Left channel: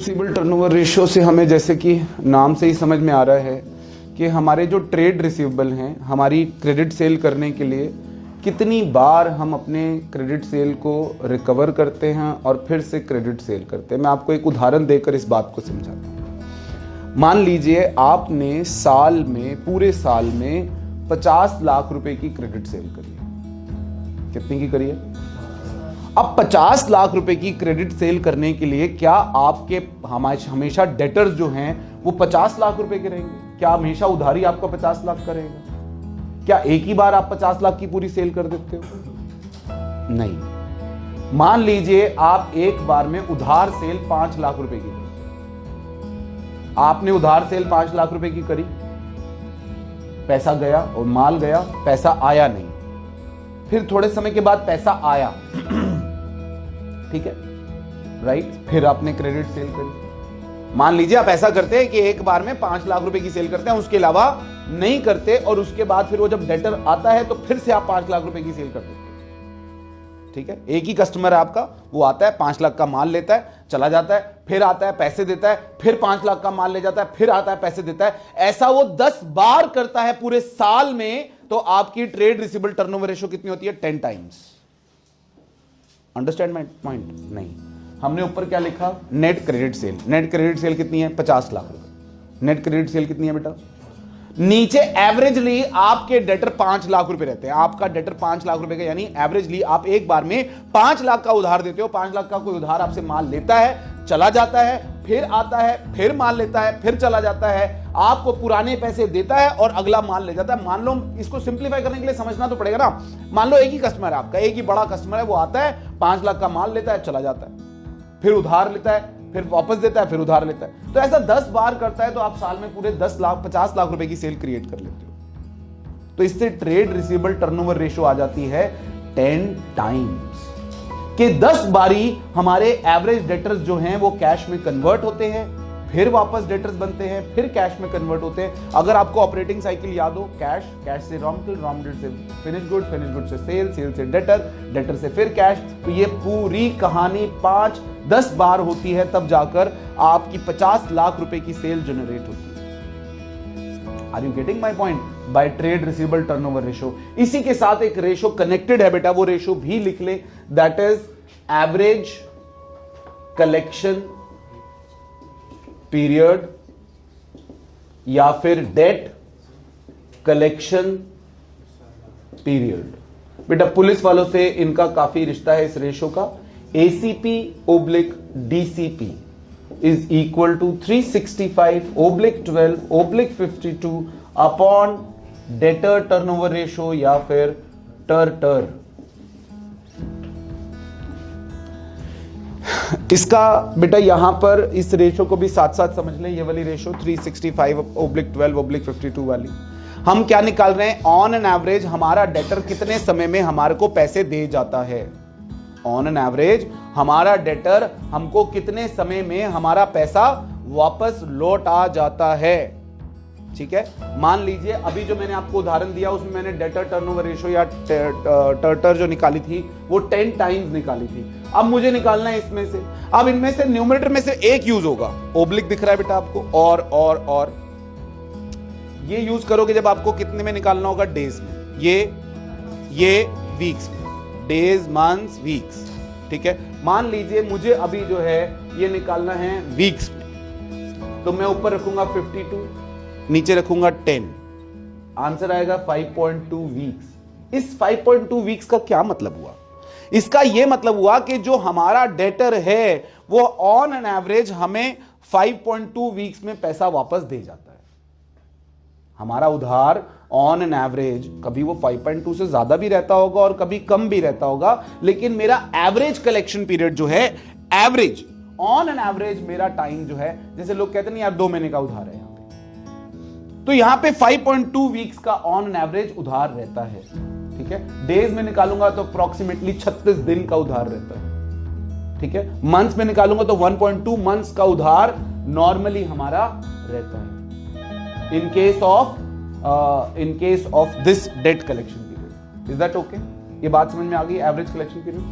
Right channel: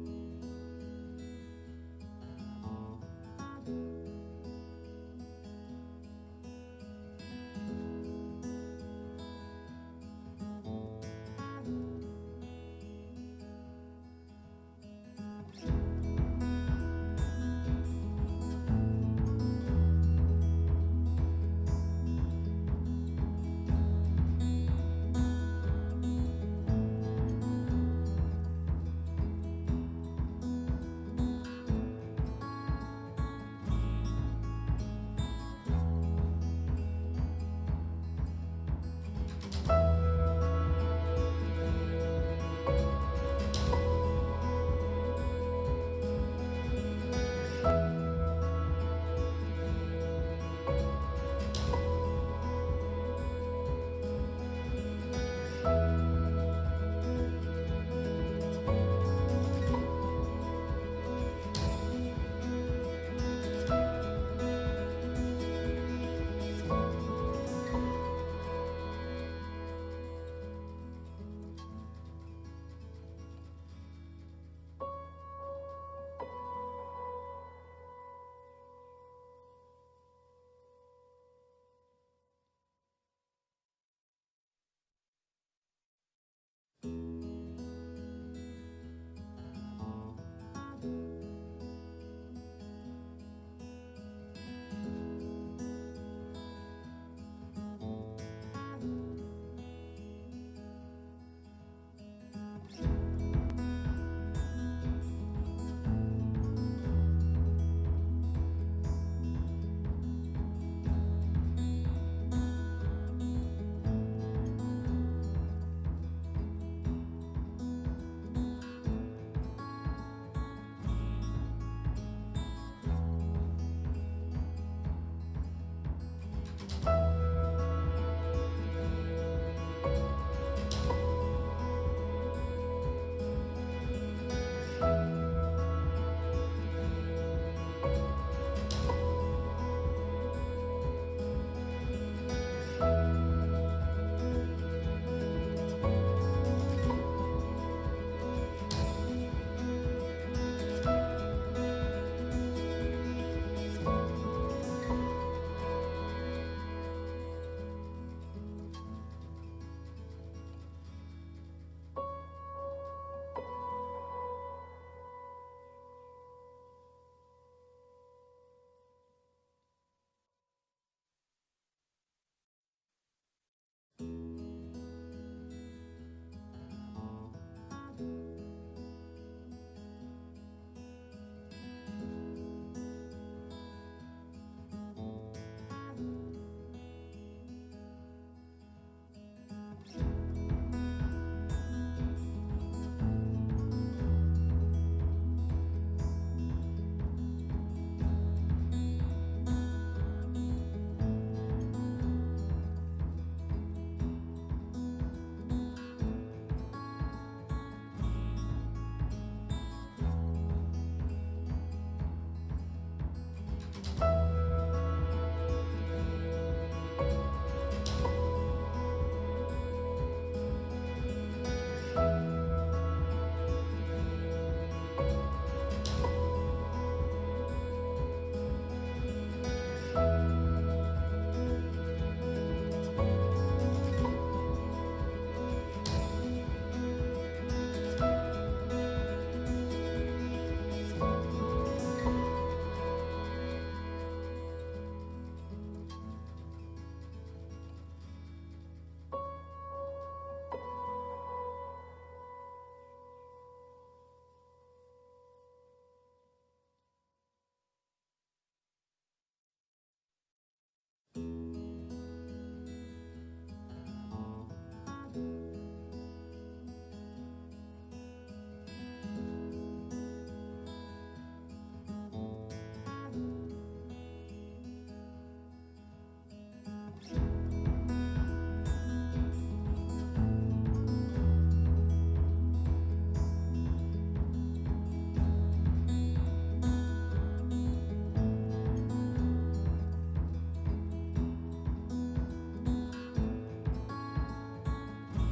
Receivable turnover ratio से हमें जैसे कि नाम से ही समझ में आ रहा है कि हमारे जो ट्रेड रिसीवेबल हैं, हमारी क्रेडिट सेल करने के लिए कितनी बार हम अपने क्रेडिट सेल को रिकवर करते हैं और फिर से क्रेडिट सेल करते हैं। मैं आपको एक उदाहरण देकर इस बात को समझाता हूँ। मान लीजिए आपने साल में, पूरे साल में 50 लाख रुपए की क्रेडिट सेल करी है। कितनी की करी है? अब 50 लाख रुपए की क्रेडिट सेल करने के लिए क्या आपके हमेशा डेटर्स जो हैं वो 50 लाख रुपए के रहेंगे? क्या हमेशा उधारी आपका 50 लाख का रहेगा? क्या एक ही बार आप 50 लाख की पूरी सेल कर देते हो? नहीं। मान लीजिए आप एक बार में उधार सेल 5 लाख रुपए की, आपने उधार सेल 5 लाख रुपए की करी, पैसा गया और माल गया, पैसा आया नहीं। फिर थोड़े समय के बाद पैसा आया, ठीक है, राइट? फिर आपने क्रेडिट सेल करी। मान लीजिए आप ऐसा करते हैं कि एक बार में 5 लाख रुपए की सेल करते हैं, उसके अलावा नहीं करते, और उसके बाद फिर वो जब डेटर आता है तो फिर से आप 5 लाख रुपए की सेल करते हैं, ठीक है? एक ही कस्टमर है आपका, वो आता है 5 लाख का माल लेता है, चला जाता है, फिर आता है पैसे देता है, फिर 5 लाख का माल ले जाता है, फिर आता है पैसे देता है। ऐसा वो 10 बार करता है पूरे साल में, तो आपकी ट्रेड रिसीवेबल टर्नओवर रेशियो कितनी होती है? 10 टाइम्स। Understand my point? नहीं। हमने ऊपर क्या लिखा? Net credit sale. Net credit sale कितनी है? 50 लाख रुपए। नेट क्रेडिट सेल कितनी है बेटा? नीचे एवरेजली आपके डेटर 5 लाख रुपए रहते हैं। आपका डेटर 5 लाख रुपए का, यानी एवरेजली आप एक बार में 5 लाख का उधार देते हो। 5 लाख का कोई उधार आपसे माल लेता है, चला जाता है, फिर आता है, फिर माल लेता है, फिर चला जाता है, आपको पुराने पैसे देता है और अगला माल ले जाता है। मान लो, इसको सिंप्लीफाई करने के लिए समझना तो पड़ेगा ना। मान लो एक ही कस्टमर है आपका, एक ही बड़ा कस्टमर है, वो आता है, 5 लाख का माल लेता है, चला जाता है, फिर उधार लेता है, फिर वापस देता है, फिर उधार लेता है। तो ऐसा 10 बार करता है, तो आप साल में पूरे 50 लाख रुपए की सेल क्रिएट कर लेते हो। तो इससे ट्रेड रिसीवेबल टर्नओवर रेशियो आ जाती है 10 टाइम्स, कि 10 बारी हमारे एवरेज डेटर्स जो हैं वो कैश में कन्वर्ट होते हैं, फिर वापस डेटर्स बनते हैं, फिर कैश में कन्वर्ट होते हैं। अगर आपको ऑपरेटिंग साइकिल याद हो, कैश, कैश से रॉ मटेरियल, रॉ मटेरियल से फिनिश गुड, फिनिश गुड से सेल, सेल से डेटर, डेटर से फिर कैश। तो ये पूरी कहानी 5-10 बार होती है, तब जाकर आपकी 50 लाख रुपए की सेल जनरेट होती है। Are you getting my point? By trade receivable turnover ratio. इसी के साथ एक रेशियो कनेक्टेड है बेटा, वो रेशियो भी लिख ले, that is average collection period, या फिर डेट कलेक्शन पीरियड। बेटा पुलिस वालों से इनका काफी रिश्ता है इस रेशो का। ACP oblique DCP is equal to 365/12/52 upon debtor turnover ratio, या फिर टर। इसका बेटा यहां पर इस रेशो को भी साथ साथ समझ लें। ये वाली रेशो 365/12/52 वाली, हम क्या निकाल रहे हैं? ऑन एन एवरेज हमारा डेटर कितने समय में हमारे को पैसे दे जाता है। ऑन एन एवरेज हमारा डेटर हमको कितने समय में हमारा पैसा वापस लौट आ जाता है, ठीक है? मान लीजिए अभी जो मैंने आपको उदाहरण दिया उसमें मैंने डेटर टर्नओवर रेशियो या टर जो निकाली थी वो 10 टाइम्स निकाली थी। अब मुझे निकालना है इसमें से, अब इनमें से न्यूमरेटर में से एक यूज होगा। ओब्लिक दिख रहा है बेटा आपको, और ये यूज करोगे जब आपको कितने में निकालना होगा? डेज में। ये वीक्स में, डेज, मंथ्स, वीक्स, ठीक है? मान लीजिए मुझे अभी जो है ये निकालना है वीक्स में, तो मैं ऊपर रखूंगा 52, नीचे रखूंगा 10, आंसर आएगा 5.2 वीक्स। इस 5.2 वीक्स का क्या मतलब हुआ? इसका यह मतलब हुआ कि जो हमारा डेटर है वो ऑन एन एवरेज हमें 5.2 वीक्स में पैसा वापस दे जाता है। हमारा उधार ऑन एन एवरेज कभी वो 5.2 से ज्यादा भी रहता होगा और कभी कम भी रहता होगा, लेकिन मेरा एवरेज कलेक्शन पीरियड जो है, एवरेज ऑन एन एवरेज मेरा टाइम जो है, जैसे लोग कहते हैं यार 2 महीने का उधार है, तो यहां पे 5.2 वीक्स का ऑन एन एवरेज उधार रहता है, ठीक है? डेज में निकालूंगा तो अप्रोक्सीमेटली 36 दिन का उधार रहता है, ठीक है? मंथ्स में निकालूंगा तो 1.2 मंथ्स का उधार नॉर्मली हमारा रहता है in case of this debt collection period. Is that okay? ये बात समझ में आ गई? Average collection period